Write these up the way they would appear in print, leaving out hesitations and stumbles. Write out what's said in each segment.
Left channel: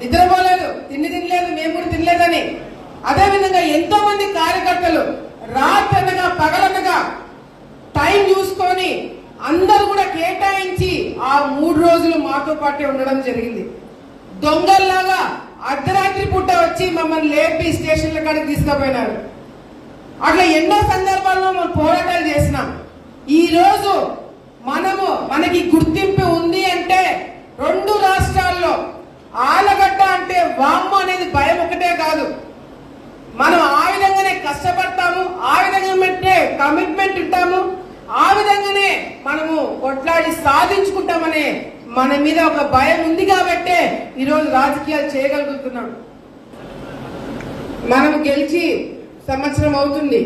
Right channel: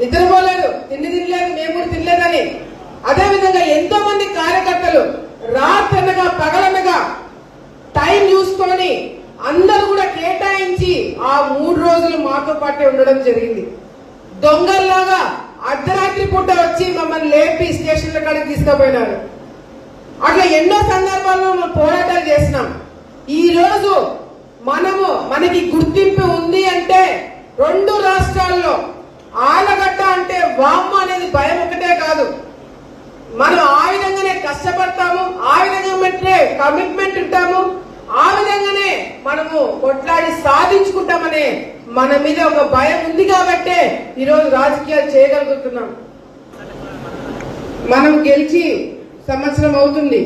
నిద్రపోలేదు, తిండి తినలేదు, మేము కూడా తినలేదని. అదేవిధంగా ఎంతో మంది కార్యకర్తలు రాత్రనగా పగలనగా టైం చూసుకొని అందరూ కూడా కేటాయించి ఆ 3 రోజులు మాతో పాటే ఉండడం జరిగింది. దొంగల్లాగా అర్ధరాత్రి పూట వచ్చి మమ్మల్ని లేపి స్టేషన్ల కాడికి తీసుకుపోయినాడు. అట్లా ఎన్నో సందర్భాల్లో మనం పోరాటాలు చేసినాం. ఈ రోజు మనకి గుర్తింపు ఉంది అంటే 2 రాష్ట్రాల్లో ఆలగడ్డ అంటే వామ్మ అనేది భయం ఒకటే కాదు, మనం ఆ విధంగానే కష్టపడతాము, ఆ విధంగా కమిట్మెంట్ ఉంటాము, ఆ విధంగానే మనము కొట్లాడి సాధించుకుంటామనే మన మీద ఒక భయం ఉంది కాబట్టే ఈరోజు రాజకీయాలు చేయగలుగుతున్నాం. మనం గెలిచి సంవత్సరం అవుతుంది.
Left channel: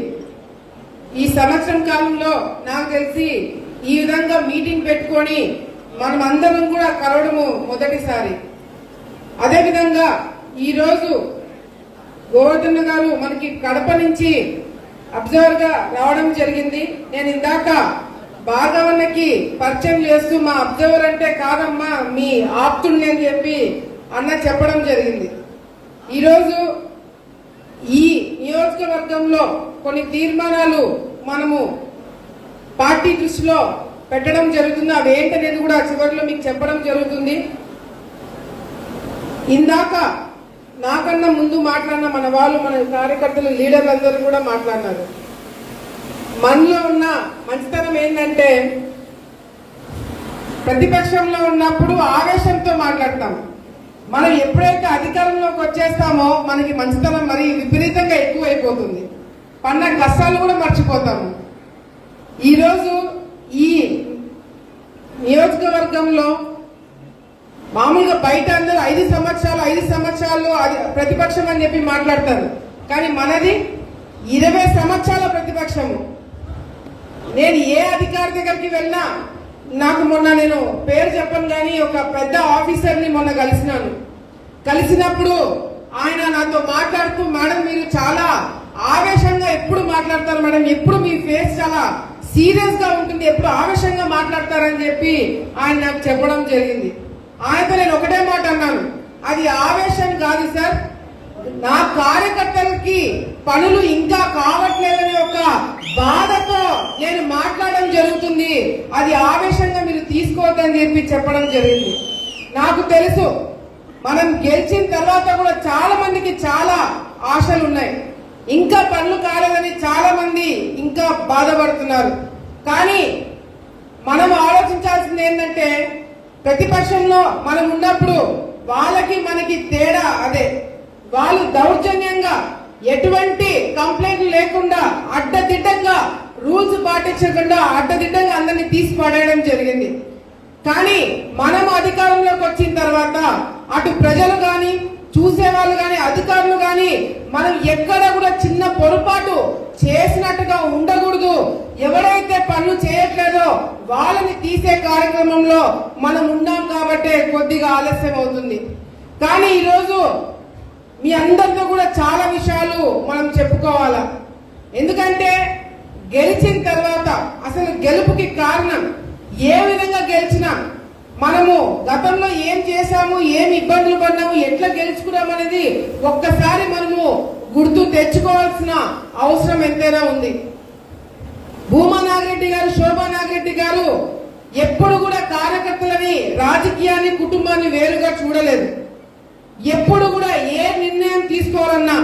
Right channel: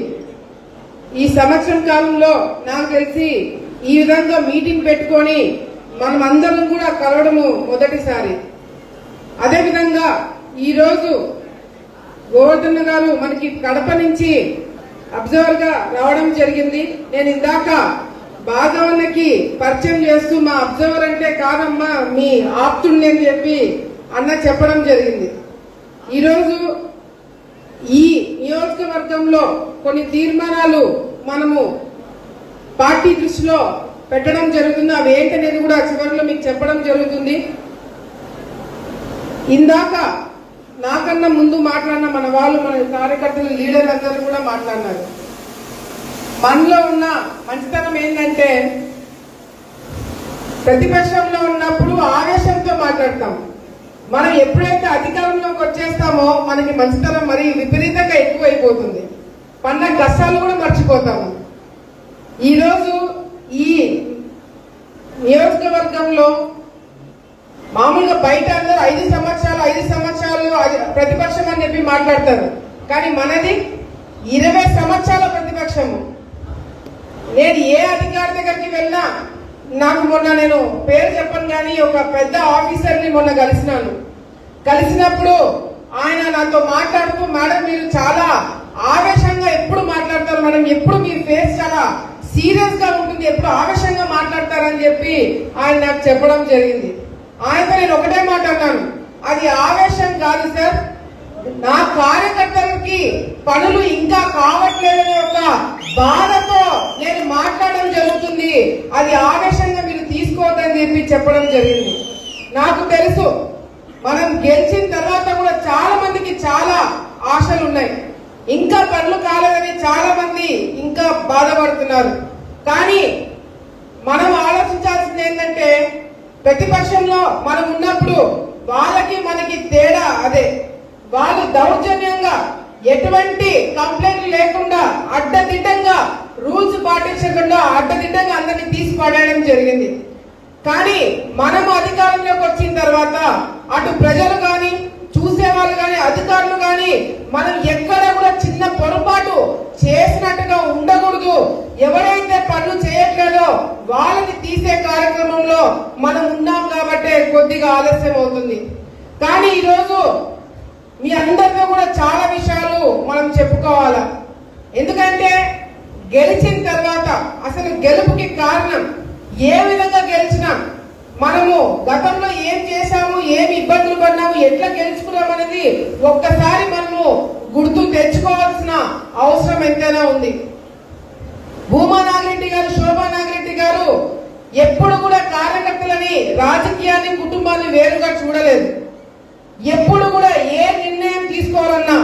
ఈ సంవత్సరం కాలంలో నాకు తెలిసి ఈ విధంగా మీటింగ్ పెట్టుకొని మనం అందరం కూడా కలవడము మొదటిసారి. అదేవిధంగా ఈరోజు గోవర్ధన్ గారు మనకి కడప నుంచి అబ్జర్వర్ గా రావడం జరిగింది. నేను ఇందాక భాగవన్నకి పరిచయం చేస్తూ మా అబ్జర్వర్ అంటే కాదమ్మా మీ ఆప్తుల్ని అని చెప్పి అన్న చెప్పడం జరిగింది. ఈరోజు ఈ నియోజకవర్గంలో కొన్ని తీర్మానాలు మనము పార్టీ దృష్టిలో పెట్టడం జరుగుతుంది. అవి ఏంటనేది కూడా చివరిలో మీకు చెప్పడం జరుగుతుంది. ఇందాక నాకన్నా ముందు మాట్లాడిన మన కార్యకర్తలు లీడర్లందరూ కూడా మాట్లాడినారు. మనలో ఉన్న మంచితనం ఏంటంటే ప్రతిపక్షంలో ఉన్నప్పుడు ఆవేశంతో మాట్లాడతాం. మనం ఎప్పుడైతే అధికారంలోకి వచ్చేస్తామో మనకి మంచితనం మరి విపరీతంగా ఎక్కువైపోతుంది. పన్న కష్టాలు కూడా మర్చిపోతాము. ఈరోజు ఈ నియోజకవర్గంలో మామూలుగా బయట అందరూ 5 సంవత్సరాలు ప్రతిపక్షం అని చెప్పి మాట్లాడతారు. కానీ మనది 20 సంవత్సరాల ప్రతిపక్షము. నేను ఏ అధికారి దగ్గరికి వెళ్ళినా నాకు మొన్న నేను పేరు చెప్పను కానీ ఒక పెద్ద ఆఫీసర్ని మొన్న కలిసినప్పుడు ఆయన నాతో మాట్లాడుతూ, మేడం మీరు చాలా ఆవేశంగా ఎప్పుడు మాట్లాడతారు మేడం, ఎప్పుడు మీ ఫేస్ చాలా సీరియస్ గా ఉంటుంది, ఎప్పుడు ఆవేశంగా మాట్లాడతారని చెప్పి ఆయన నాకు చెప్పడం జరిగింది. ఆయనతో నేను ఒకటే మాట అన్నాను, అది ఆవేశం కాదు సార్, నా కార్యకర్తలకి పనులు ఇంకా కావట్లేదనే ఒక బాధతో నేను మాట్లాడడం జరుగుతుంది, అది ఆవేశంగా మీరు తీసుకోవద్దని చెప్పి చెప్పడం జరిగింది. నాకు తెలుసు మనం గెలిచిన తర్వాత కూడా చాలా మందికి చాలా ఆశలు ఉన్నాయి, ఇంకా పనులు కాలేదని చాలా మంది ఇంకా బాధపడుతున్నారు. కానీ మనం ఆలోచించాల్సింది ఏంటంటే ప్రతిపక్షంలో మనం ఉన్నప్పుడు వాళ్ళకి మనకి తేడా అదే, వాళ్ళు దౌర్జన్యంగా ఎటువంటి కంప్లైంట్ లేకుండా అడ్డదిడ్డంగా రూల్స్ పాటించకుండా అడ్డదిడ్డంగా అందరినీ తీసి పడేయడం జరిగింది. కానీ మనం అధికారంలోకి వచ్చిన తర్వాత అటు ప్రజలు గాని చూసేవాళ్ళు గాని అధికారులు గాని మనం ఎక్కడ కూడా చిన్న పొరపాటు చేసినట్టుగా ఉండకూడదు. ఎవరైతే పనులు చేయట్లేదో వాళ్ళని తీసే కార్యక్రమంలో మనం ఉన్నాం కాబట్టి కొద్దిగా ఆలస్యం అవుతుంది. కానీ ఈరోజు మీ అందరితో కూడా చాలా విషయాలు మనం చెప్పుకోవాలి. ఎందుకంటే గెలిచిన తర్వాత అసలు గెలుపుకి కారణం ఏ విధంగా గెలిచినాం, మనము గతంలో ఏం చేశాము, ఏమి ఇబ్బందులు పడినాము, ఎట్లా గెలుచుకున్నాం అనేది ఒక్కసారి మనము గుర్తు తెచ్చుకోవాల్సిన అవసరం ఎంతైనా ఉంది. భూమా నాగిరెడ్డి గారు, శోభా నాగిరెడ్డి గారు ఎప్పుడు కూడా కార్యకర్తలని, రాజకీయాన్ని, కుటుంబాన్ని వేరుగా చూడలేదు. ఎప్పుడు కూడా ఏ నిర్ణయం తీసుకోవాలన్నా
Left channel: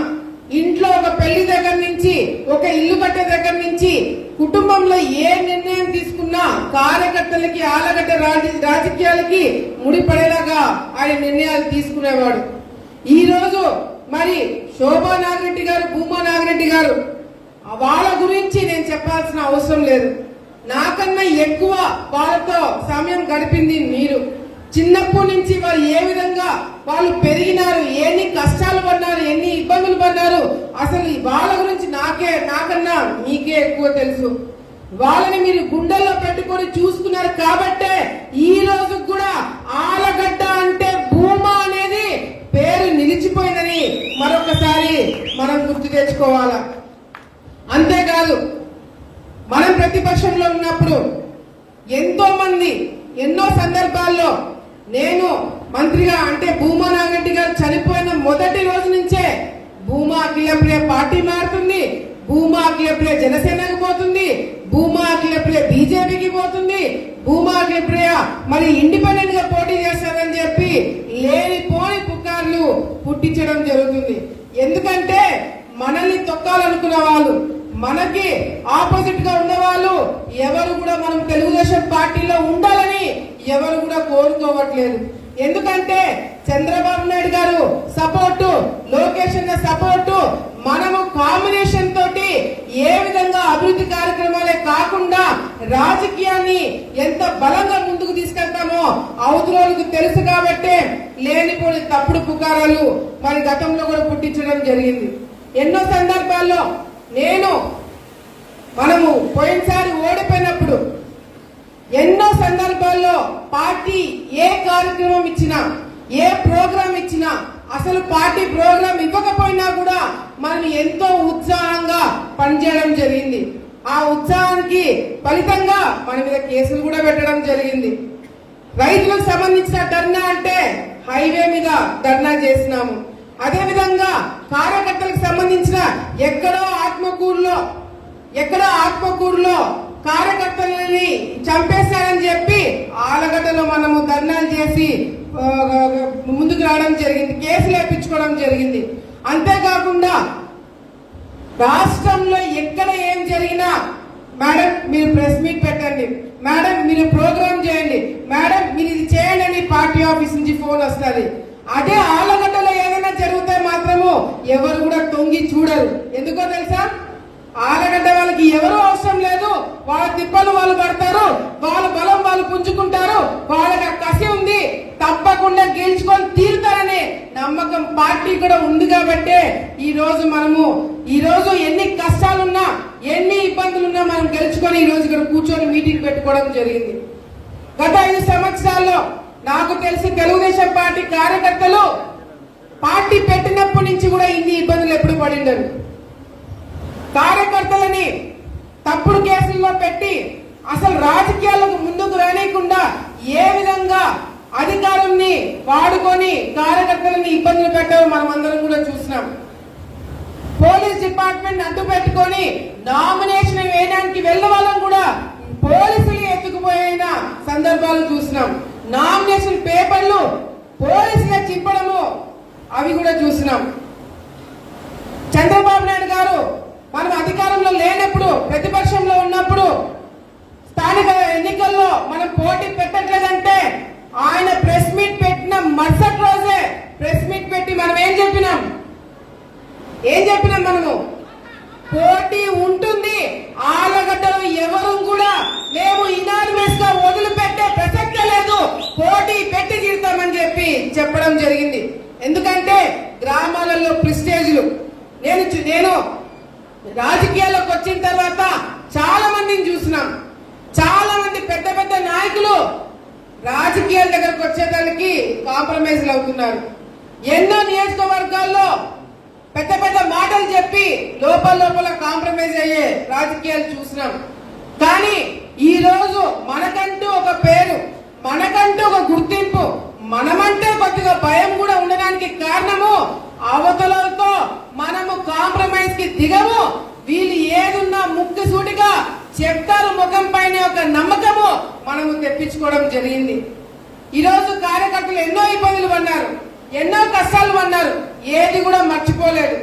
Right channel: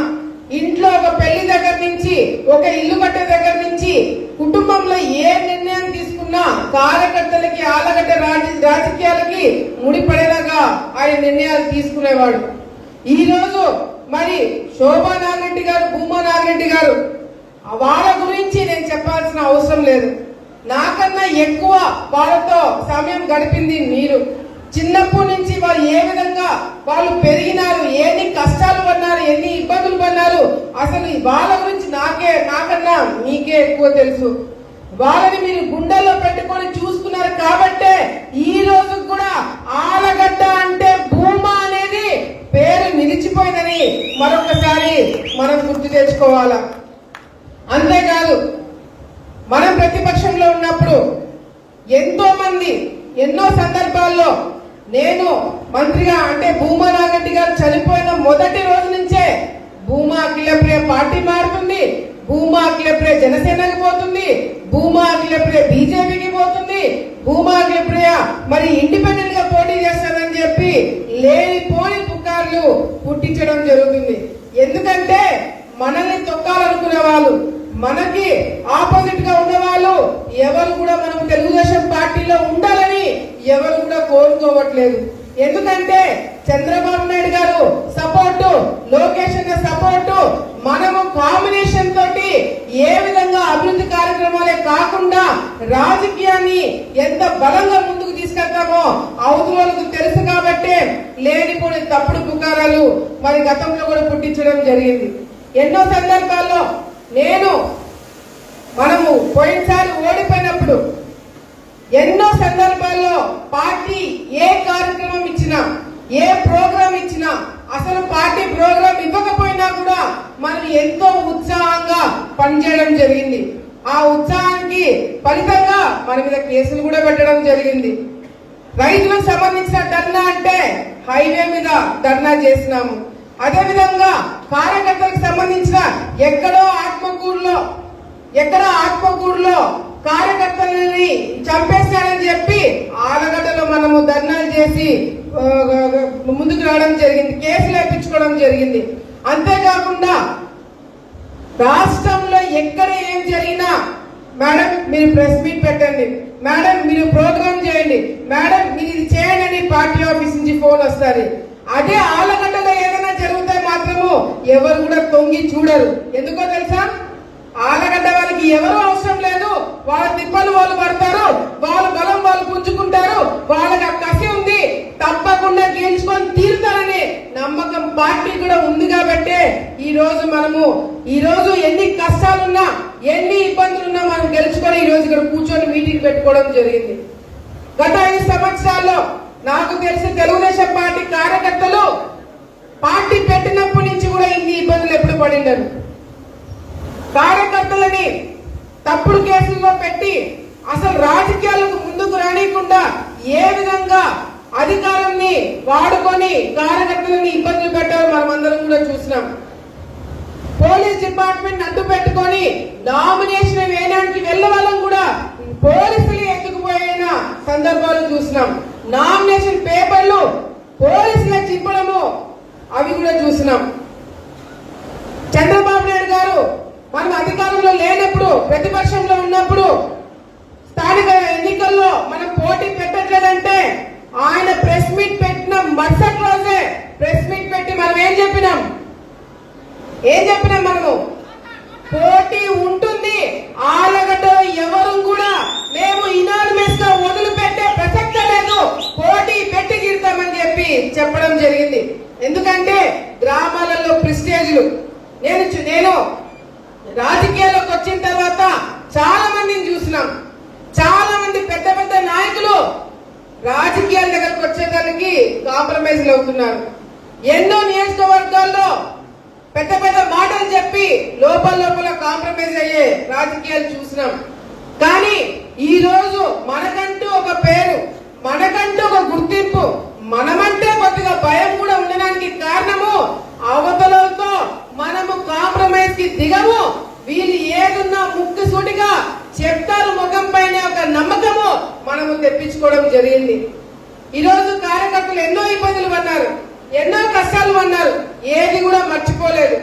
ఇంట్లో ఒక పెళ్లి దగ్గర నుంచి, ఒక ఇల్లు కట్టే దగ్గర నుంచి, కుటుంబంలో ఏ నిర్ణయం తీసుకున్నా కార్యకర్తలకి, ఆలగడ్డ రాజకీయాలకి ముడిపడేలాగా ఆయన నిర్ణయాలు తీసుకునేవాడు. ఈ రోజు మరి శోభా నాగిరెడ్డి గారు, భూమా నాగిరెడ్డి గారు, వాళ్ళ గురించి నేను చెప్పాల్సిన అవసరం లేదు. నాకన్నా ఎక్కువ వాళ్ళతో సమయం గడిపింది మీరు. చిన్నప్పటి నుంచి వాళ్ళు ఏ విధంగా వాళ్ళు పెరిగినారు, ఎన్ని కష్టాలు పడినారు, ఎన్ని ఇబ్బందులు పడినారు, అసలు వాళ్ళ గురించి నాకన్నా మీకే ఎక్కువ తెలుసు. వాళ్ళని మీరు గుండెల్లో పెట్టుకొని చూసుకున్నారు కాబట్టే ఈ రోజు కూడా ఆలగడ్డ అంటే భూమా అనేది పేరు నిలిచిపోయిందని మరొకసారి మనం గుర్తు తెచ్చుకోవాలి. అంతేకాదు మనం ప్రతిపక్షంలో ఉన్నప్పుడు ఎంతో మంది ఎన్నో సందర్భాల్లో నేను మంత్రిగా అంటే భూమా నాగిరెడ్డి గారు అఖిలప్రియ జనసేనకి పోతుంది, భూమా అఖిలప్రియ బీజేపీకి పోతుంది, భూమా అఖిలప్రియ మరి ఇండిపెండెంట్ గా పోటీ చేస్తారని చెప్పి లేనిపోని పుకార్లు పుట్టించడం జరుగుతుంది. ఎందుకంటే మనల్ని తొక్కాలనుకున్న వాళ్ళు, మనకి ఆపోజిట్ గా ఉన్న వాళ్ళు ఎవరు కూడా మనం తెలుగుదేశం పార్టీలో ఉండాలని ఎవరు కూడా కోరుకోవట్లేదు. ఎందుకంటే చంద్రబాబు నాయుడు గారు సపోర్టు, లోకేష్ అన్న సపోర్టు, మనము కాంబినేషన్ తోటి ఏ విధంగా అభివృద్ధి కార్యక్రమాలే కాకుండా రాజకీయాన్ని ఎంత బలంగా ముందుకు తీసుకెళ్తామో అవతలకు తెలుసు కాబట్టి లేనిపోని తప్పుడు పుకారాలు మరి గతంలో కూడా పుట్టించడం జరిగింది. ఎన్నో సందర్భాల్లో మనము పోయినసారి ఓడిపోయినప్పుడు ఎన్నో సందర్భాల్లో పార్టీ ఏ కార్యక్రమం ఇచ్చినా, ఏ ప్రోగ్రాం ఇచ్చినా, అసలు పార్టీ ప్రోగ్రాం ఇవ్వకపోయినా కూడా మనం ఎంతో ఉత్సాహంగా పనిచేయడం జరిగింది. ఆ ఉత్సాహానికి ఫలితంగా మన మీద కేసులు కూడా పెట్టడం జరిగింది. రైతులకు సంబంధించిన ధర్నా అంటే హైవే మీద ధర్నా చేసినాము. అదేవిధంగా కార్యకర్తలకు సంబంధించిన ఎక్కడో ఆత్మకూరులో కార్యకర్తలని చంపేశారని చెప్పి ఆలగడ్డలో మనము ధర్నాలు చేసి ముందుకు రావడం జరిగింది, కేసులు వేయించుకోవడం జరిగింది. అంతేకాకుండా రాష్ట్రంలో ఎక్కడ ఏం జరిగినా మేడం మీరు ప్రెస్ మీట్ పెట్టండి, మేడం మీరు ప్రోగ్రామ్ చేయండి, మేడం మీరు ఇది చేయండి అని పార్టీ ఆఫీస్ నుంచి ఫోన్ వస్తుంది. అదే ఆలగడ్డలో ఏదైనా జరిగితే మాత్రము ఎవరు కూడా తొంగి చూడరు. ఎందుకో తెలుసా? ఆలగడ్డ వాళ్ళకి ఎవరు అవసరం లేదు, వాళ్ళ తిప్పలు వాళ్ళు పడతారు, వాళ్ళ బలం వాళ్ళు పుంజుకుంటారు, వాళ్ళకి ఆ కసి ఉంది, తప్పకుండా గెలుచుకొని తీరుతారని నమ్మకం పార్టీ కూడా ఉంది. కాబట్టి ఈ రోజు ఎన్ని కష్టాలున్నా, ఎన్ని ఇబ్బందులున్నా మనం గెలుచుకొని ఈ రోజు ఇక్కడ కూర్చొని మీటింగ్ పెట్టుకోవడం జరిగింది. గత 5 సంవత్సరాల్లో నాకు తెలిసి తెలుగుదేశం పార్టీ కార్యకర్తలు పార్టీ పెట్టినప్పటి నుంచి కూడా ఇన్ని ఇబ్బందులు ఎప్పుడు పడినారు. కార్యకర్తలని తప్పుడు కేసుల్లో పెట్టి అసలు రాజకీయాలకు ముందుకు రానికుండా ఏ విధంగా అధికారాన్ని వాడుకొని కార్యకర్తలని ఇబ్బందులు పెట్టారో మనం అందరం కూడా చూస్తున్నాం. పోలీస్ డిపార్ట్మెంట్ అడ్డు పెట్టుకొని నామినేషన్ వేయడానికి వెళ్లే వాళ్ళం కూడా పోలీసులు ఎత్తుకుపోయిన సందర్భాలు చూస్తున్నాం. నామినేషన్ పేపర్లు పోలీసులు చింపడము అవి కూడా చూసినాం. చంద్రబాబు నాయుడు గారు మనం అధికారంలో లేనప్పుడు, ప్రతిపక్షంలో ఉన్నప్పుడు, స్థానిక ఎన్నికల్లో మనం పోటీ పెట్టట్లేదంటే ఆయన ప్రెస్ మీట్ పెట్టిన మరుసటి రోజే ప్రెస్ మీట్ పెట్టి మనం ఏం చెప్పినాం మనము పోటీ ఉంటుంది, ఆలగడ్డలో ఎవరు కూడా మేము ఇనానిమస్ గా వదిలిపెట్టే ప్రసక్తే లేదు, పోటీ పెట్టి తీరుతామని చెప్పి చెప్పడం జరిగింది. ఎందుకంటే గ్రామాలలో ప్రెస్టేజ్లు నేను రాజకీయాల్లోకి వచ్చిన తర్వాత చాలా మందిని చూసినాం. చాలా మంది పెద్ద పెద్ద నాయకులు రాజకీయాల దగ్గరకు వచ్చేదానికి కాంప్రమైజ్ అవుతున్నారు. ఎన్నో నియోజకవర్గాల్లో పెద్ద పెద్ద మాటలు చెప్పి లోపల కాంప్రమైజ్ అయ్యే రాజకీయాలు చూసినాం. కానీ ఈ రోజు మనకంటూ ఒక పేరు, మనకంటూ ఒక గుర్తింపు, మనమంటే కొద్దిగా భయం కూడా ఉండడానికి కారణము అవతలతో మనము కాంప్రమైజ్ కి దిగము. వీళ్ళు ఏదున్నా ముక్కుసూటిగా చెప్తారు ముఖం పైన ఒక నమ్మకము మనము తెప్పించుకోవడం జరిగింది. ఈ రోజు కార్యకర్తలు ఎన్నో ఇబ్బందులు పడ్డారు, ఎన్నో కష్టాలు పడ్డారు, ఏది కూడా మర్చిపోలేదు.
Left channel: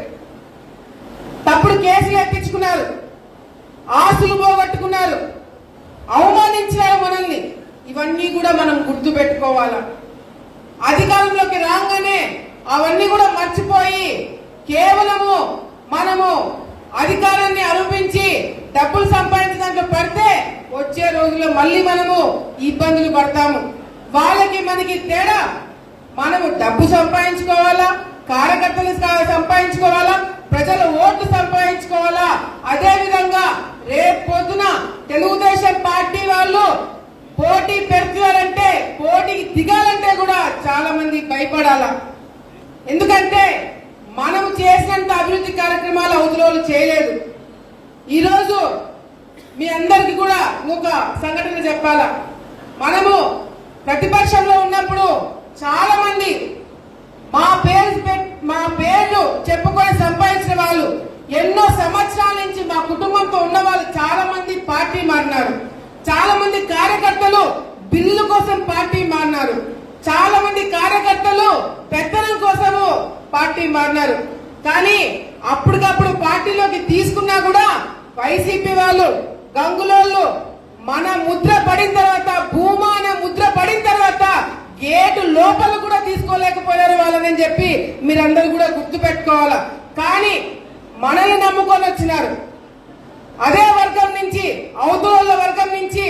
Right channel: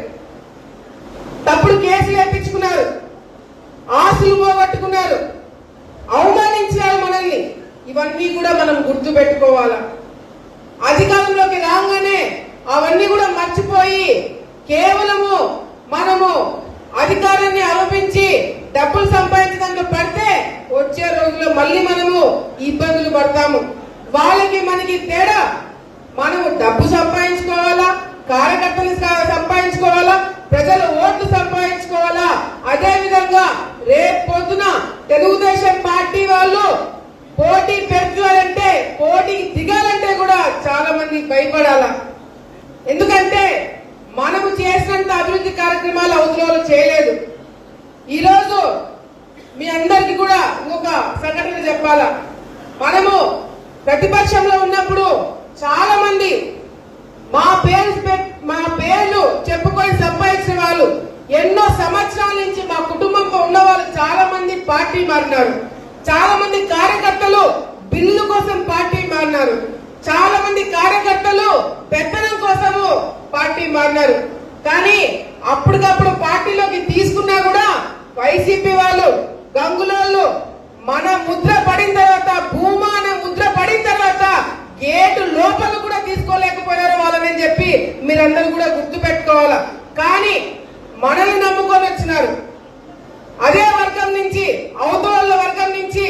తప్పుడు కేసులు ఎత్తించుకున్నారు, ఆస్తులు పోగొట్టుకున్నారు, అవమానించారు మనల్ని. ఇవన్నీ కూడా మనం గుర్తు పెట్టుకోవాలా. అధికారంలోకి రాగానే అవన్నీ కూడా మర్చిపోయి కేవలము మనము అధికారాన్ని ఆరోపించి డబ్బులు సంపాదించడానికి పడితే వచ్చే రోజుల్లో మళ్ళీ మనము ఇబ్బందులు పడతాము. వాళ్ళకి మనకి తేడా, మనము డబ్బు సంపాదించుకోవాలా, కార్యకర్తలు సంపాదించుకోవాలా, ప్రజల ఓట్లు సంపాదించుకోవాలా. అదేవిధంగా రేపు పొద్దున తెలుగుదేశం పార్టీ వాళ్ళు పోటీ పెడుతున్నారంటే, పోటీకి దిగాలంటే కూడా చాలా మంది భయపడాలా. ఎందుకంటే మనము చేసినంత అభివృద్ధి కార్యక్రమాలు అవతల చేయలేదు. ఈరోజు మీ అందరికీ కూడా ఒక సంఘటన చెప్పాలా. మనము ప్రతిపక్షంలో ఉన్నప్పుడు చాలా మంది మా పేర్లు చెప్పుకొని సంపాదించిన వాళ్ళు ఎన్నో సంవత్సరాల నుంచి మా కుటుంబంతో ఉన్న వాళ్ళు చాలా మంది పార్టీ మారినారు. చాలా మంది కార్యకర్తలు బిల్లు కోసం పార్టీ మారినారు. చాలా మంది కార్యకర్తలు పెత్తనం కోసము పార్టీ మారినారు. కానీ అప్పటికప్పుడు పార్టీలోకి తీసుకున్నా కూడా వైసీపీ వాళ్ళు, గంగులోళ్ళు మన ముద్ర పడిన తర్వాత, భూమాన ముద్ర పడిన తర్వాత గేటు లోపల కూడా తీసుకోలేకపోయారు వాళ్ళని చెప్పి మీరందరూ కూడా గుర్తు పెట్టుకోవాలా. కానీ మనల్ని నమ్ముకొని వచ్చినారు. అదే వర్గం నుంచి, అవతల వర్గం నుంచి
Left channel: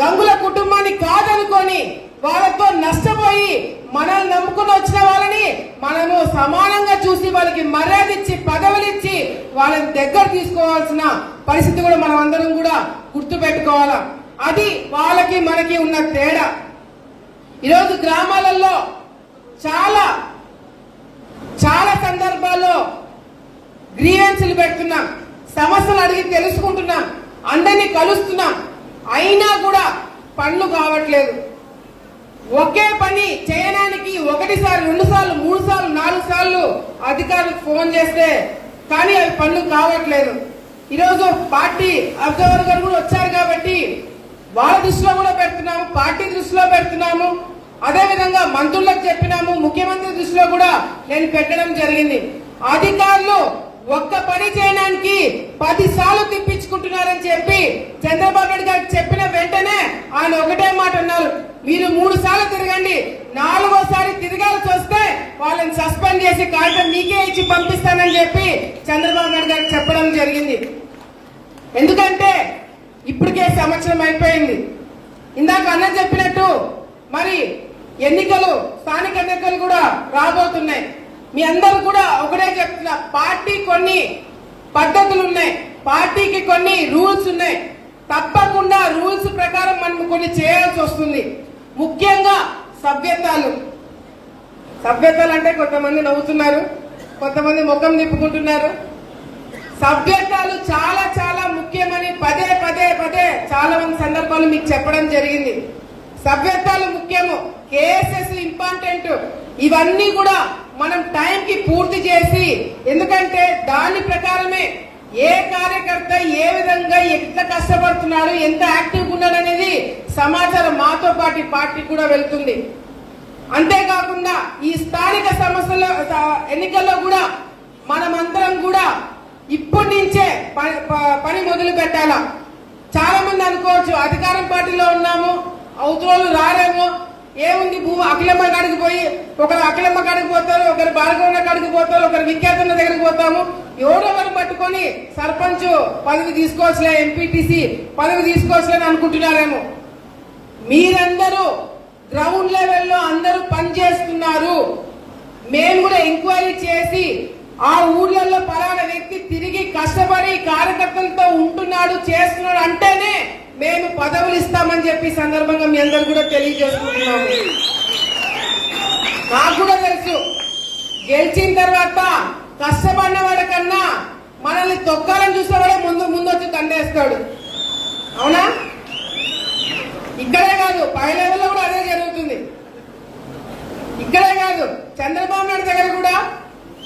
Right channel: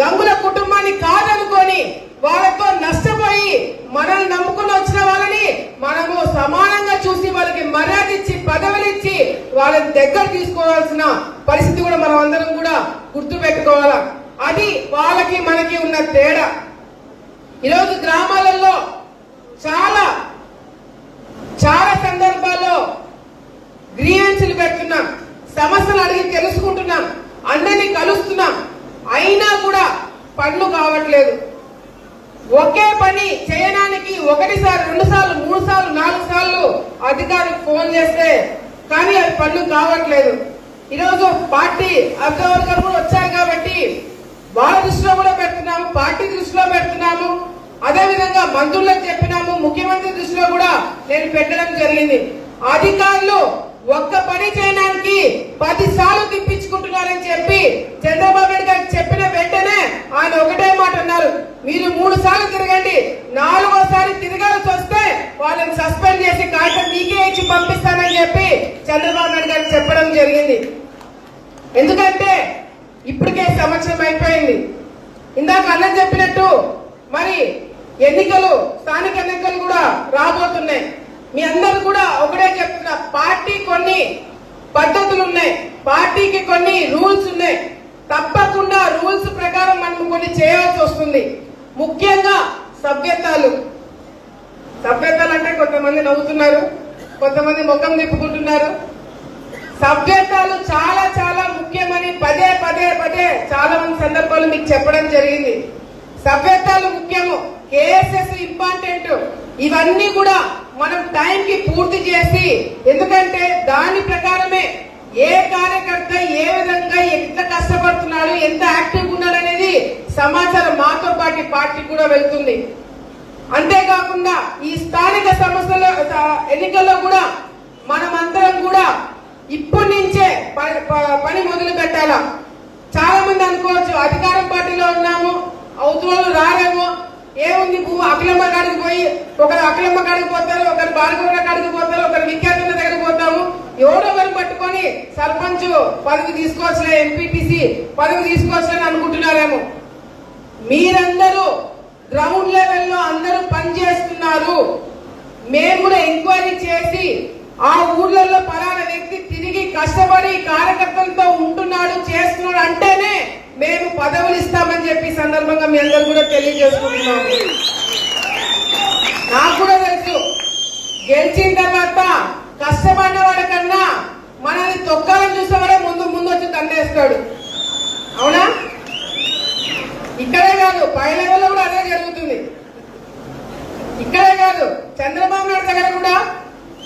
గంగుల కుటుంబాన్ని కాదనుకొని వాళ్ళతో నష్టపోయి మనల్ని నమ్ముకుని వచ్చిన వాళ్ళని మనము సమానంగా చూసి వాళ్ళకి మర్యాద ఇచ్చి, పదవులిచ్చి వాళ్ళని దగ్గర తీసుకోవాల్సిన పరిస్థితి కూడా మనం అందరం కూడా గుర్తు పెట్టుకోవాలా. అది వాళ్ళకి మనకి ఉన్న తేడా. ఈరోజు గ్రామాలలో చాలా చాలా సందర్భాల్లో గ్రీవెన్స్లు పెడుతున్నాం, సమస్యలు అడిగి తెలుసుకుంటున్నాం, అందరినీ కలుస్తున్నాం. అయినా కూడా పనులు కావట్లేదు. ఒకే పని చేయడానికి 1 సార్లు 2 సార్లు 3 సార్లు 4 సార్లు అధికారులకు ఫోన్ చేస్తే కానీ అది పనులు కావట్లేదు. ఈరోజు పార్టీ అబ్జర్వర్ కూడా వచ్చారు కాబట్టి వాళ్ళ దృష్టిలో కూడా పెడుతున్నాము, పార్టీ దృష్టిలో పెడుతున్నాము. అదేవిధంగా మంత్రులకు చెప్పినాము, ముఖ్యమంత్రి దృష్టిలో కూడా నేను పెట్టడం జరిగింది. అధికారులు ఒక్క పని చేయడానికి 10 సార్లు తిప్పించుకుంటున్నారని చెప్పి చంద్రబాబు నాయుడు గారికి చెప్పిన వెంటనే ఆయన ఒకటే మాట అన్నారు, మీరు 3 సార్లు తిరగండి, 4వసారి తిరగాల్సి వస్తే వాళ్ళని సస్పెండ్ చేసి కాగితం మీకే ఇచ్చి పంపిస్తానని చెప్పి చంద్రబాబు నాయుడు గారికి చెప్పడం జరిగింది. ఎందుకంటే ఇప్పటికే సంవత్సరం అయిపోయింది. ఇందాక అన్నం చెప్పినట్టు మరి ఎన్నికలు, స్థానిక ఎన్నికలు కూడా రాబోతున్నాయి. మీ అందరూ కూడా ఒకటే చెప్తున్నా, పార్టీ కొన్ని పద్ధతులు ఉన్నాయి, పార్టీకి కొన్ని రూల్స్ ఉన్నాయి. తప్పకుండా రూల్స్ ప్రకారం మనం కొన్ని చేయాల్సి వస్తుంది. ముఖ్యంగా సభ్యత్వాలు అంటే కొంతమంది నవ్వుతున్నారు, కొంతమంది ముఖం తిప్పుకుంటున్నారు. సభ్యత్వాలు చాలా చాలా ముఖ్యమని పదే చాలా మంది సందర్భాలు మీకు చెప్పడం జరిగింది. సభ్యత్వాలు ముఖ్యము, కేసెస్ ఇంపార్టెంట్. ఇవన్నీ కూడా మనం టైంకి పూర్తి చేసి, ఎందుకంటే దాని ప్రకారమే ఏ కార్యకర్త ఏ విధంగా ఎంత కష్టపడుతున్నాడు, ఎంత యాక్టివ్గా ఉన్నాడు అనేది సమాచారం మాతో పాటు పార్టీ కూడా వెళ్తుంది. అంతేకాకుండా ఈ స్థానిక సమస్యల ఎన్నికల్లో కూడా మనమందరం కూడా ఇప్పటి నుంచే పని మొదలు పెట్టాలా. చాలా మంది అనుకోవచ్చు అధికారం పార్టీలో ఉన్నాము, అవతల రాలేమో, ఏముంది అఖిలమ్మ కాడికి పోయి ఒకరు అఖిలమ్మ కాడికి పోతారు, ఒకరు బాలగొండ కాడికి పోతారు, ఒకరు విఖ్యాతుల దగ్గర పోతాము, ఎవరో ఒకరు పట్టుకొని సర్పంచ్ పదవి తీసుకోవచ్చులే, ఎంపీటీసీ పదవి తీసుకోవచ్చులని అనుకుంటున్నారేమో. మీరందరూ గ్రౌండ్ లెవెల్లో అందరూ పనిచేస్తున్నారు. మేము కూడా ఎంక్వైరీ చేసి ఆ ఊర్లలో పలానా వ్యక్తి తిరిగి కష్టపడి కార్యకర్తలతో ఉంటున్నాడు, చేస్తున్నాడు అంటేనే మేము పదవులు ఇస్తామని చెప్పి సందర్భంగా మీ అందరూ కూడా తెలియజేసుకుంటున్నాము. నాకు కూడా తెలుసు, గెలిచిన తర్వాత కష్టపడిన వాడికన్నా మనల్ని తొక్కాలని చూసేవాడే ముందు వచ్చి దండేస్తాడు. అవునా? ఇక్కడే కాదు, పై లెవెల్లో కూడా అదే జరుగుతుంది. ఇక్కడే కాదు, చంద్రబాబు నాయుడు దగ్గర కూడా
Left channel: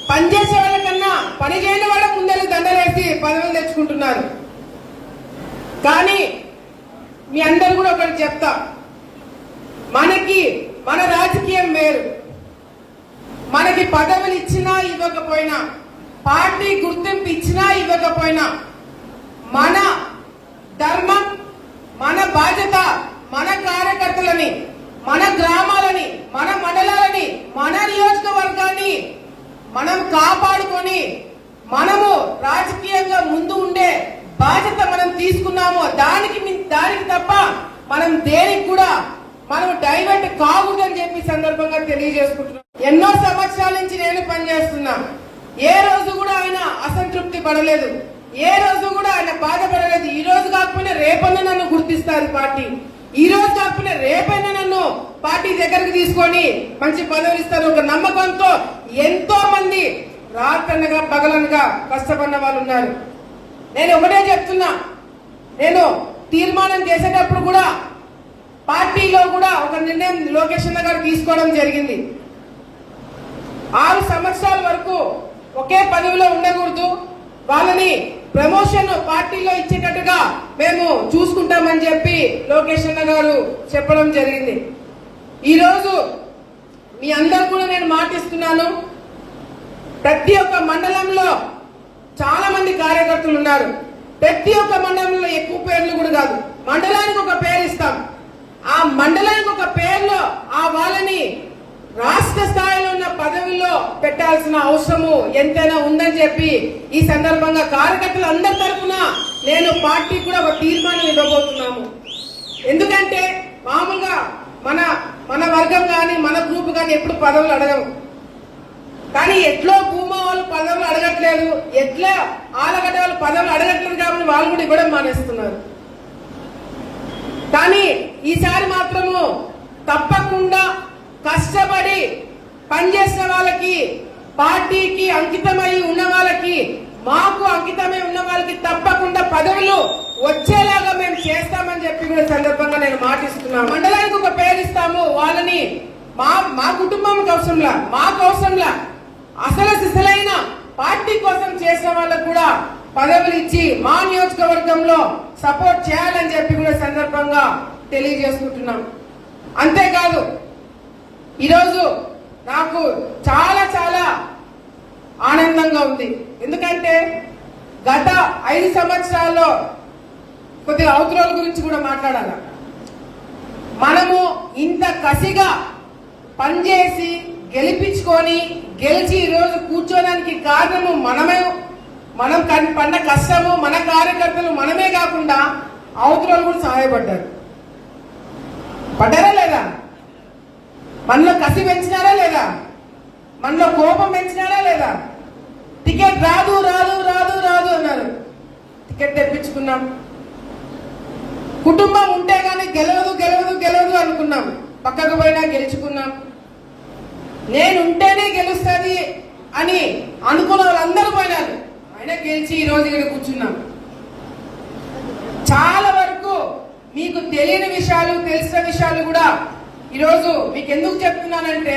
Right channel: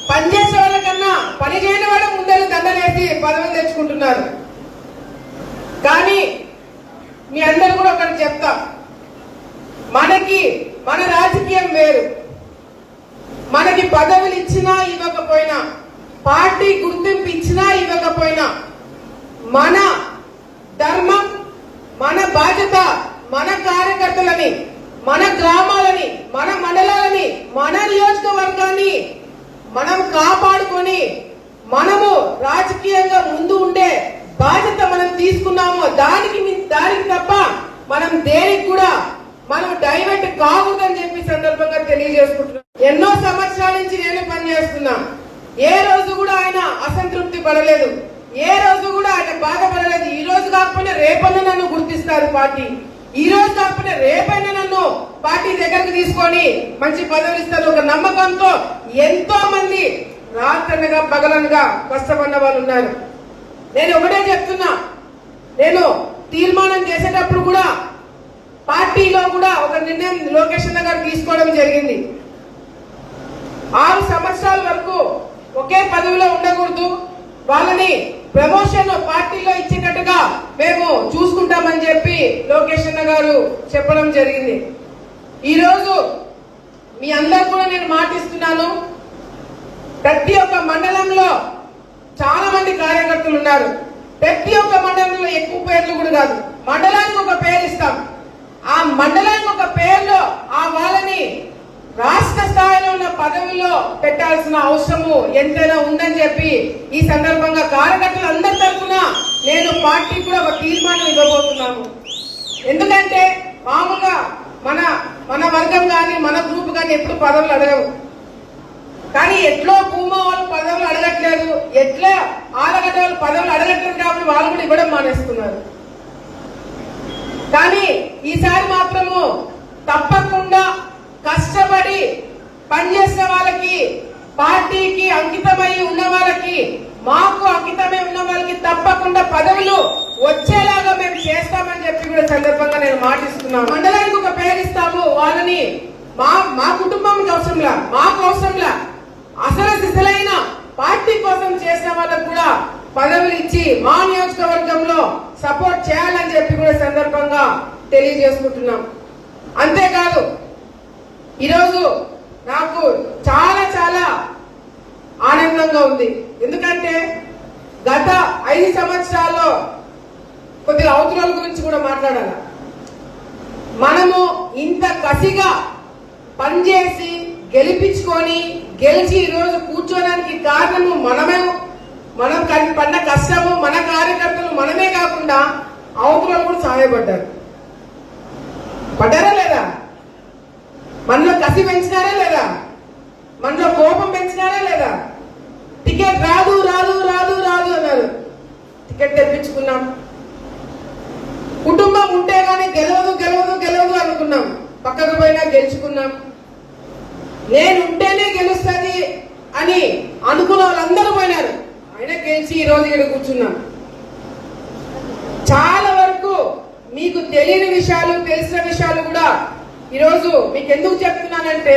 పనిచేసే వాళ్ళకన్నా పని చేయని వాళ్ళ ముందరు దండలేసి పదవులు తెచ్చుకుంటున్నారు. కానీ మీ అందరూ కూడా ఒకటి చెప్తా, మనకి మన రాజకీయం వేరు. మనకి పదవులు ఇచ్చినా ఇవ్వకపోయినా, పార్టీ గుర్తింపు ఇచ్చినా ఇవ్వకపోయినా, మన ధర్మం, మన బాధ్యత, మన కార్యకర్తలని, మన గ్రామాలని, మన మండలాలని, మన నియోజకవర్గాన్ని మనం కాపాడుకొని మనము రాజకీయంగా ముందు ఉండే బాధ్యత మనం తీసుకున్నామో దానికి తప్ప మనం దేనికి కూడా మనం డైవర్ట్ కావద్దని చెప్పి సందర్భంగా తెలియజేసుకుంటున్నాం. ఎన్నో సంవత్సరాల నుంచి నేను పనిచేస్తున్నా. ఏ రోజు కూడా ఆయన అసంతృప్తి పడలేదు, ఏ రోజు కూడా ఆయన బాధపడలేదు. ఈ రోజు కాకపోయినా రేపన్నా నన్ను గుర్తిస్తారు పార్టీ, ఈ రోజు కాకపోయినా రేపన్నా నన్ను పార్టీ దగ్గరకు తీసుకొని మంచి పదవులు ఇస్తారు ఒక నమ్మకంతో ఎంతో మంది రాత్రనగా పగలనగా కష్టపడిన వాళ్ళు ఉన్నారు. నేను ఒకటే చెప్తున్నా, నేను తీర్మానం చేసేటప్పుడు కూడా పార్టీలో కూడా ఒక నిర్ణయం లోకేష్ అన్న గారు తీసుకోవడం జరిగింది. 6 సంవత్సరాల వరకు ఒకే పదవిలో ఉండకూడదు, వాళ్ళని ప్రమోషన్ పార్టీలో ఇచ్చేటట్టుగా మేము చూసుకుంటామని చెప్పి లోకేష్ అన్న గారు చెప్పడం జరిగింది. ఈ రోజు మీ అందరూ కూడా నేను మాటిస్తున్నాను, ప్రతి ఒక్క మండలంలో చాలా మంది కార్యకర్తలు ఉన్నారు. ప్రతి ఒక్క మండలంలో ఎక్కువ పేర్లు కూడా కాదు, మండలానికి ఒక పేరు ఇస్తాం. ఆ మండలానికి ఒక పేరులో ఆ వాళ్ళని రాష్ట్ర స్థాయిలో ఉన్న పదవిలో పెట్టాల్సిన అవసరము ఎంతైనా ఉందని చెప్పి ఈ సందర్భంగా కార్యకర్తలు అందరి తరఫున నేను పార్టీ కూడా ఒక తీర్మానం ఇవ్వబోతున్నాను. ఎందుకంటే మామూలుగా మన వర్గం కానీ మన గ్రూప్ కానీ ఎప్పుడు పదవులు అడగరు, కానీ ఎట్లో భూమా వాళ్ళు పదవులు అడగట్లేదు, ఎట్లా ఆలగడ్డ వాళ్ళు పదవులు అడగట్లేదు కాబట్టి వాళ్ళు కూడా ఇవ్వడం మానేస్తున్నారు. కానీ ఈసారి మాత్రము తప్పకుండా కష్టపడి పనిచేసిన వాళ్ళకి, పార్టీకి అంకితమై ఉన్న వాళ్ళకి, మాకు అంకితమై ఉన్న వాళ్ళకి తప్పకుండా పదవులు వచ్చేలాగా మేము చేస్తామని చెప్పి కూడా సందర్భంగా నేను మాటిస్తున్నాను. మండలానికి ఒక పేరు ఇస్తాము, వాళ్ళని మా కుటుంబం అవసరంలా, మాకు అవసరంలా, అసలైన పార్టీ కోసం చేసిన వాళ్ళకు కూడా పదవులు ఇచ్చి మా నియోజకవర్గంలో సపోర్ట్ చేయాలని చెప్పి కూడా సందర్భంగా తెలియజేసుకుంటున్నాం. అంతేకాదు ఈరోజు నాకు చాలా చాలా ఆనందంగా ఉంది. ఎందుకంటే గత 5 సంవత్సరాల్లో కొద్దిగా అవతరాల గురించి కూడా మాట్లాడాలి. మనము ఇంత కసిగా పనిచేసి గెలిపించుకొని గెలిచి ఈరోజు కూర్చోడానికి కారణము మనం పడ్డ కష్టము, మన కార్యకర్తలు మనమే కాకుండా అవతరాలు కూడా సహాయపడ్డారు. పడ్డారా లేదా? మనలో కసి పెంచినారా లేదా? మనలో కోపం పెంచినారా లేదా? టికెట్ రాదు రాదు రాదు రాదు అన్నారు, టికెట్ తెప్పించుకున్నాం. కుటుంబం ఉంటే గానీ గెలవదు గెలవదు గెలవదు అనుకున్నాం, పక్కకు పోయినా గెలుచుకున్నాం. నేను ఉంటేనే గెలుస్తుంది అని అనుకున్న వాళ్ళందరూ పోయినారు, అయినా గెలిచి ఈ రోజు ఇక్కడ కూర్చున్నాం. చాలా వరకు మీకు తెలియని విషయాలు, తెలిసిన విషయాలు కూడా ఈరోజు మీకు ఎందుకు చెప్తున్నానంటే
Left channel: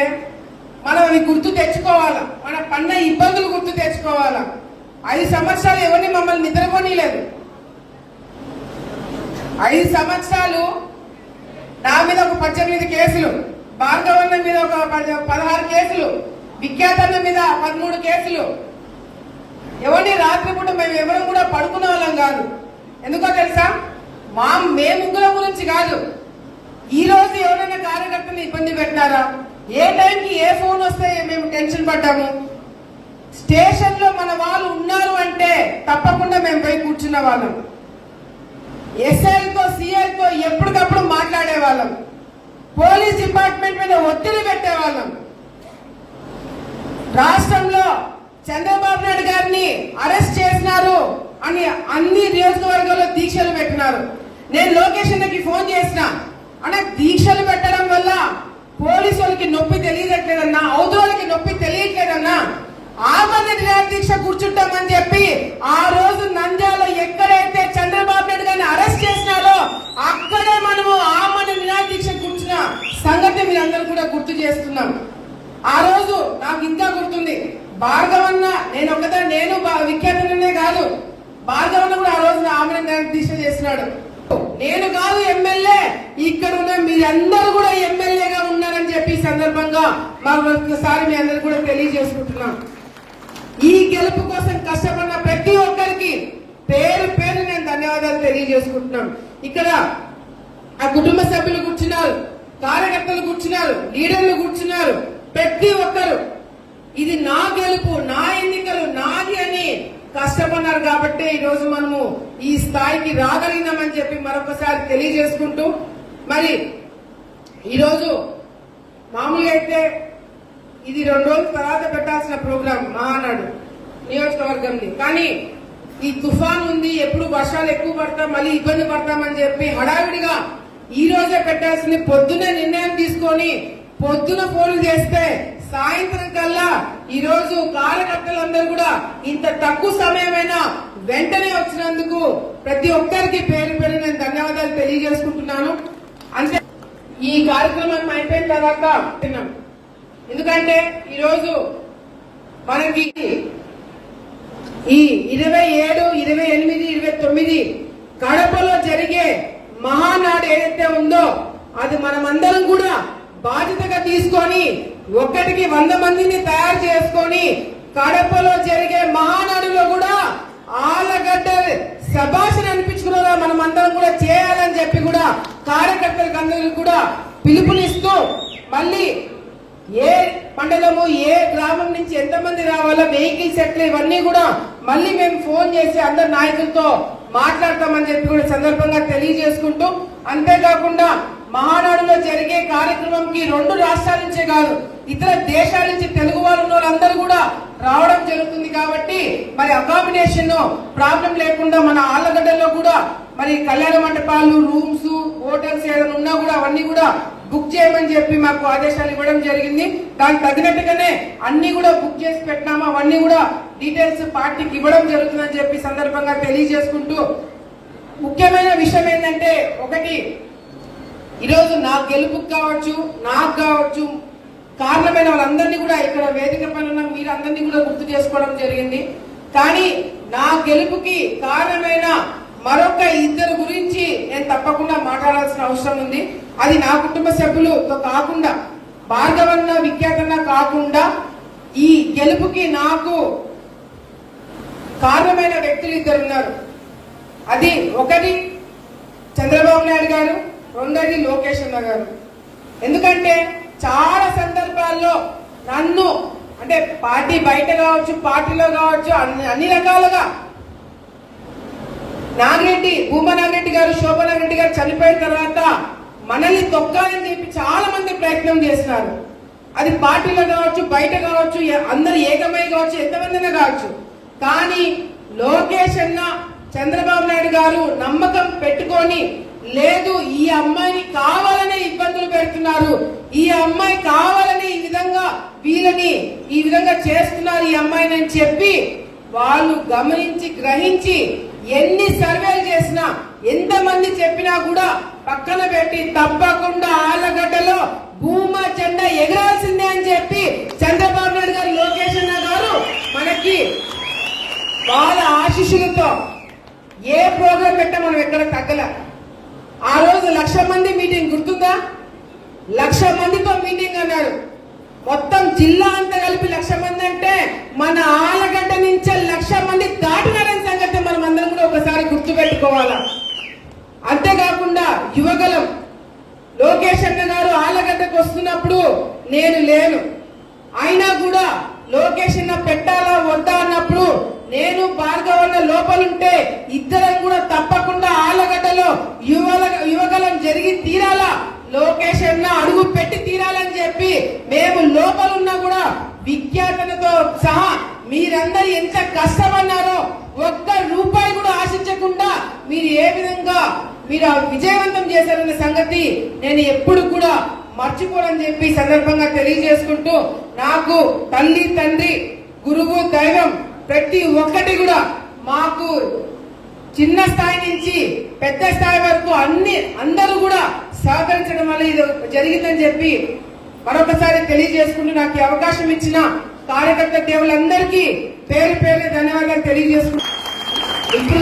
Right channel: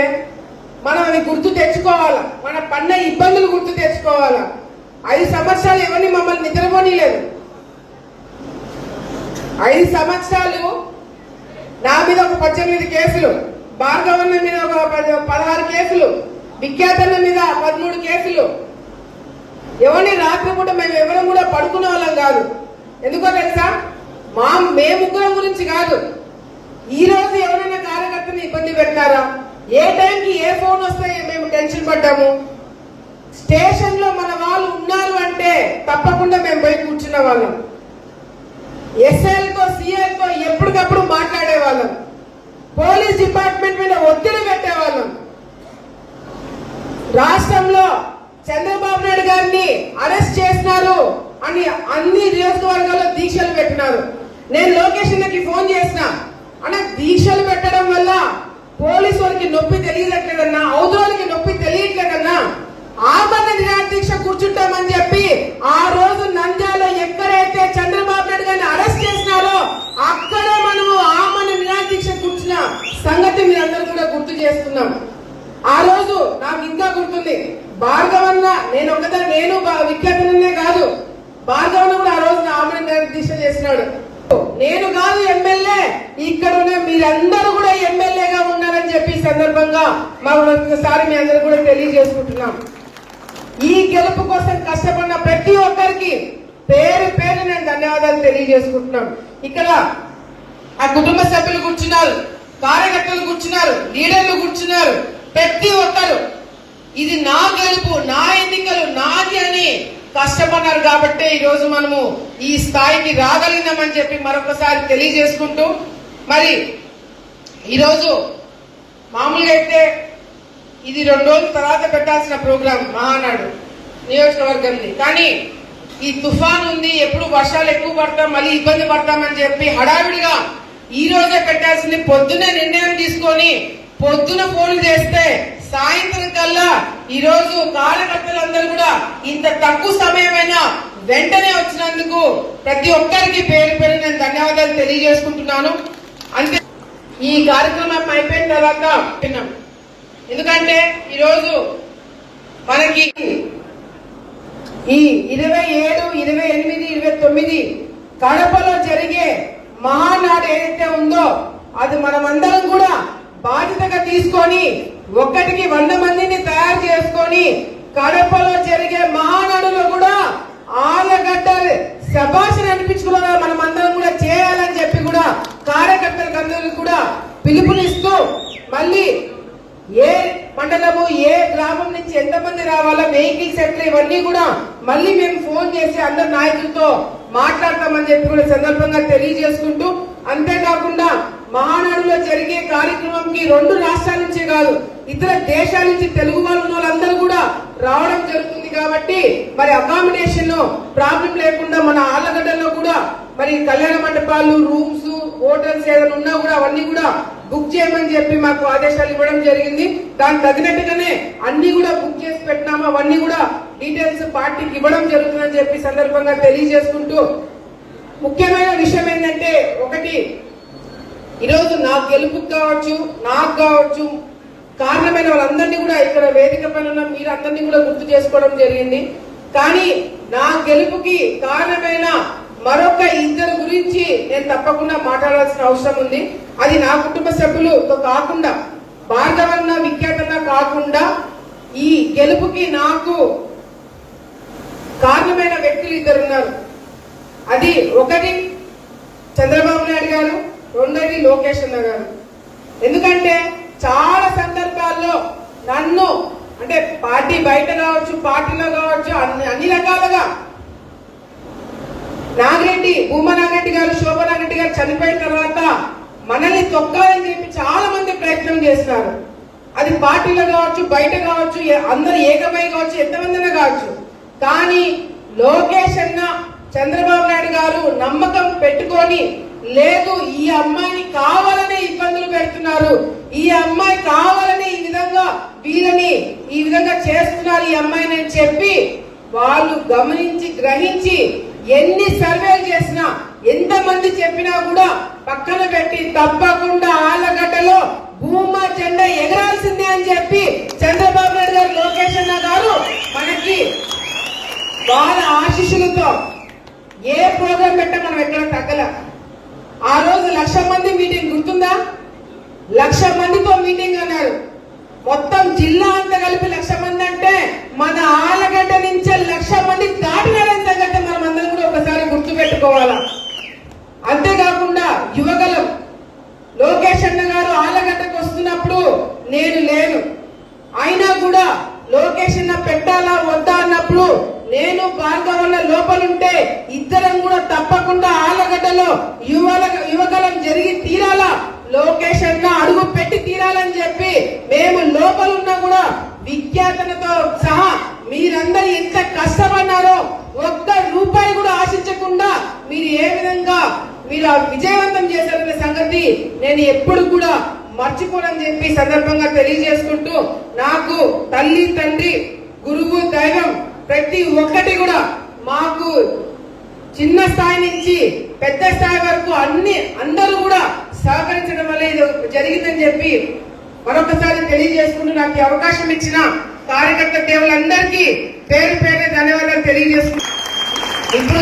మనం అది గుర్తు తెచ్చుకోవాలా, మన పన్న ఇబ్బందులు గుర్తు తెచ్చుకోవాలా. 5 సంవత్సరాలు ఎవరిని మమ్మల్ని నిద్రపోనీలేదు. 5 సంవత్సరాలు నా మీద ఒక 18 కేసులు, భార్గవన్న మీద ఒక 16 కేసులు, విఖ్యాతన్న మీద 13 కేసులు. ఎవరిని రాత్రిపూట మేము ఎవరు కూడా పడుకునే వాళ్ళం కాదు. ఎందుకో తెలుసా? మేము ముగ్గురం గురించి కాదు, ఈ రోజు ఎవరైనా కార్యకర్తను ఇబ్బంది పెట్టారా, ఏ టైంకి ఏ ఫోన్ వస్తే మేము టెన్షన్ పడ్డాము. స్టేషన్ లో మన వాళ్ళు ఉన్నారు అంటే తప్పకుండా మేము పోయి కూర్చున్న వాళ్ళం. ఎస్ఐలతో సిఐలతో ఎప్పటికప్పుడు మాట్లాడే వాళ్ళం. పోలీస్ డిపార్ట్మెంట్ మీద ఒత్తిడి పెట్టేవాళ్ళం. రాష్ట్రంలో చంద్రబాబు నాయుడు గారిని అరెస్ట్ చేసినారు అని అన్ని నియోజకవర్గాల్లో దీక్షలు పెట్టినారు. నేను లోకేష్ అన్నకి ఫోన్ చేసిన, అంటే దీక్షలు పెట్టడం వల్ల పోలీసు వాళ్ళకి నొప్పి తెలియట్లేదన్నా, అవతరాలకి నొప్పి తెలియట్లేదన్నా, ఆమరణ నిరాదీక్ష కూర్చుంటామని చెప్పి ఆ రోజు నంద్యాల ఎక్కడైతే చంద్రబాబు నాయుడు గారిని అరెస్ట్ చేసినారో అక్కడే మనము ఆమరణ నిరాదీక్ష కూర్చున్న సంగతి మీరందరూ కూడా గుర్తు చేస్తున్నాం. ఆ రోజు నాకు ఇంకా గుర్తుంది, భార్గవన్న నేను విఖ్యాతనే కాదు, భార్గవన్న కూడా ఆ రోజు ఆమరణ నిరాదీక్ష చేసినాడు. నేను కాదు ఎమ్మెల్యే, ఇక్కడ ఉన్న మీరందరూ కూడా ఎమ్మెల్యేగా ఉన్నారని చెప్పి సందర్భంగా మరొకసారి మీ అందరూ కూడా తెలియజేసుకుంటున్నాం. ఈ గెలుపు కోసం కష్టపడిన ప్రతి ఒక్కరికి పేరు పేరు నేను ధన్యవాదాలు తెలియజేసుకుంటున్నాం. ఇక్కడ ఆ కుటుంబ సభ్యులు కూర్చున్నారు, కార్యకర్తలు కూర్చున్నారు, లీడర్లు కూర్చున్నారు. ప్రతి ఒక్కరు ఇది నా గెలుపు, నా ఎన్నికలు, నాది అని కష్టపడ్డారు కాబట్టి ఈ రోజు మనము ఈ స్థాయికి రాగలిగినామని చెప్పి మరొకసారి తెలియజేసుకుంటూ, మరి ఈరోజు మామూలుగా అయితే ఇది 2 రోజుల తర్వాత పెట్టాల్సిన ప్రోగ్రాం మహానాడు నియోజకవర్గంది, కానీ ఈ తుఫాన్ ఉంది, ఎప్పుడు వర్షాలు ఎక్కువ పడతాం, మళ్ళీ ఇబ్బంది పడతామని చెప్పి హడావిడిగా ఈ రోజే పెట్టాల్సింది. పొద్దునే నిర్ణయం తీసుకొని పొద్దున ఫోన్లు చేస్తే సాయంత్రం కల్లా ఈ రోజు కార్యకర్తలందరూ కూడా ఇంత తక్కువ సమయమైనా వెంటనే వచ్చినందుకు ప్రతి ఒక్కరికి పేరు పేరు నేను ధన్యవాదాలు తెలియజేసుకుంటున్నాను. అంతే ఈ కార్యక్రమం అయిపోయిన తర్వాత విన్నాం, ఎందుకంటే ఈరోజు మనకి ఈ 27, 28, 29 కడపలో జరిగే మహానాడు ఏదైతే ఉందో అది మనమందరం కూడా బాధ్యతగా తీసుకొని 100 మందిని తయారు చేసుకొని కడపలో జరిగే మహానాడులో కూడా ఆలగడ్డ శభాషణ అనిపించుకున్న మనమందరం కూడా చేయాలని చెప్పి కూడా కార్యకర్తలకు అందరికీ కూడా పిలుపునిస్తూ మళ్ళీ ఏ మండలము ఏ గ్రామం నుంచి ఎంతమంది రావాలో వెహికల్స్ ఎట్లా ఇవన్నీ కూడా మళ్ళీ మేము ఫోన్ చేసి అందరు నాయకులతో మాట్లాడతామని చెప్పి కూడా సందర్భంగా తెలియజేసుకుంటూ అంతేకాకుండా మహానాడులో జరిగే కార్యక్రమంకి 2 రాష్ట్రాల నుంచే కాదు ఇతర దేశాల నుంచి తెలుగు వాళ్ళందరూ కూడా రావడం జరుగుతుంది కాబట్టి మరి అకామిడేషన్ ప్రాబ్లం లేకుండా మన ఆళ్లగడ్డలో కూడా మరి కళ్యాణ మండపాలు రూమ్స్ హోటల్స్ ఏదైనా ఉన్నా కూడా అవన్నీ కూడా బుక్ చేయమని చెప్పి మాకు ఆదేశాలు ఇవ్వడం జరిగింది. దానికి తగినట్టుగానే అన్ని కూడా బుక్ చేసి పెట్టినాము. అవన్నీ కూడా డీటెయిల్స్ పార్టీకి ఇవ్వడం జరుగుతుందని చెప్పి సందర్భంగా తెలియజేసుకుంటూ ముఖ్యమైన విషయం ఏంటంటే ఒకటి ఈరోజు నా గెలుపుకు కావచ్చు నాకు కావచ్చు కారణమైన వాళ్ళందరినీ కూడా ఇక్కడ వేదిక పైన ఉన్న మీరు అందరినీ కూడా గుర్తు చేసుకోవడం జరిగింది. కానీ నా గెలుపుకి కారణమైన మరొక 2 గురించి నేను తప్పకుండా మాట్లాడాల్సిన అవసరం ఉంది. అది నా కుటుంబ సభ్యులతో కాకుండా భార్గవన్న విఖ్యాతన్న కాకుండా ఈ గెలుపుకి నాకు కారణమైన వ్యక్తులు 2 ఉన్నారు. అది ఒకటి చంద్రబాబు నాయుడు గారు, రెండోది లోకేష్ అన్న గారు. ఎందుకంటే చాలా సందర్భాల్లో నన్ను అంటే పార్టీ బయట కావచ్చు పార్టీలో కావచ్చు అన్ని రకాలుగా నాగిరెడ్డి భూమా నాగిరెడ్డి గారు శోభా నాగిరెడ్డి గారు చనిపోయిన తర్వాత మనల్ని తొక్కాలని చెప్పి చాలా మంది ప్రయత్నం చేస్తున్నారు. అది పార్టీలో కావచ్చు బయట కావచ్చు అందరు ఏకమై కావచ్చు ఎంతమందినా కావచ్చు. కానీ లోకేష్ అన్న చంద్రబాబు నాయుడు గారు నమ్మకం పెట్టుకొని లేదు ఈ అమ్మాయిని కావాలని ఇబ్బందులు పెడుతున్నారు, ఈ అమ్మాయి కావాలని ఈ విధంగా వీళ్ళని ఈ విధంగా చేస్తున్నారు ఈ అమ్మాయిని అని చెప్పి వాళ్ళు గమనించి గ్రహించి ఎన్ని సర్వేలు చేసినా ఎంతమంది చెప్పినా కూడా పక్కన పెట్టి తప్పకుండా ఆళ్లగడ్డలో భూమా జెండా ఎగరాల్సిందే అని చెప్పి చంద్రబాబు నాయుడు గారు లోకేష్ అన్న గారు మనకి వాళ్ళ ఆశీస్సులతో ఏ ప్రోగ్రాం పెట్టా మనం ఎక్కడ తగ్గల. ఆ రోజు 1,00,000 మంది మీటింగ్ గుర్తుందా? 1,00,000 మందితో మీటింగ్ అన్నారు. మొత్తం జిల్లా అంతా కలిపి 1,00,000 మంది అంటే మన ఆళ్లగడ్డ నుంచే 1,00,000 మంది దాటినారని సంగతి మనం అందరం కూడా ఒకసారి గుర్తుపెట్టుకోవాలా. అంతేకాకుండా యువగలం లోకేష్ అన్న గారు ఆళ్లగడ్డకు వస్తున్నప్పుడు నేను లేను, అయినా కూడా లోకేష్ అన్న పెట్టాలా వద్దా అన్నప్పుడు నేను భార్గవన్న లోపలుంటే ఇద్దరం కూడా తప్పకుండా ఆళ్లగడ్డలో యువగలం జరిగి తీరాలా, లోకేష్ అన్న అడుగు పెట్టి తీరాలని చెప్పి మేము లోపలున్నా కూడా విఖ్యాతనతో సహా మీరందరూ ఎంత కష్టపడ్డారో ₹1 కూడా ఆశించకుండా మీరు ఏ విధంగా మీరు విజయవంతం చేశారన్న సంగతి నేను ఎప్పుడు కూడా మర్చిపోనని చెప్పి సందర్భంగా తెలియజేసుకుంటూ నాకు తల్లి తండ్రి గురువు దైవం ప్రతి ఒక్కటి కూడా మాకు చిన్న స్థాయి నుంచి పెద్ద స్థాయి వరకు అందరూ కూడా సహకరించడం వల్ల ఇది జరిగిందని చెప్పి మరొకసారి తెలియజేసుకుంటూ నాకు అవకాశం ఇచ్చిన కార్యకర్త దేవులందరికీ పేరు పేరు ధన్యవాదాలు తెలియజేసుకుంటూ ఇప్పుడు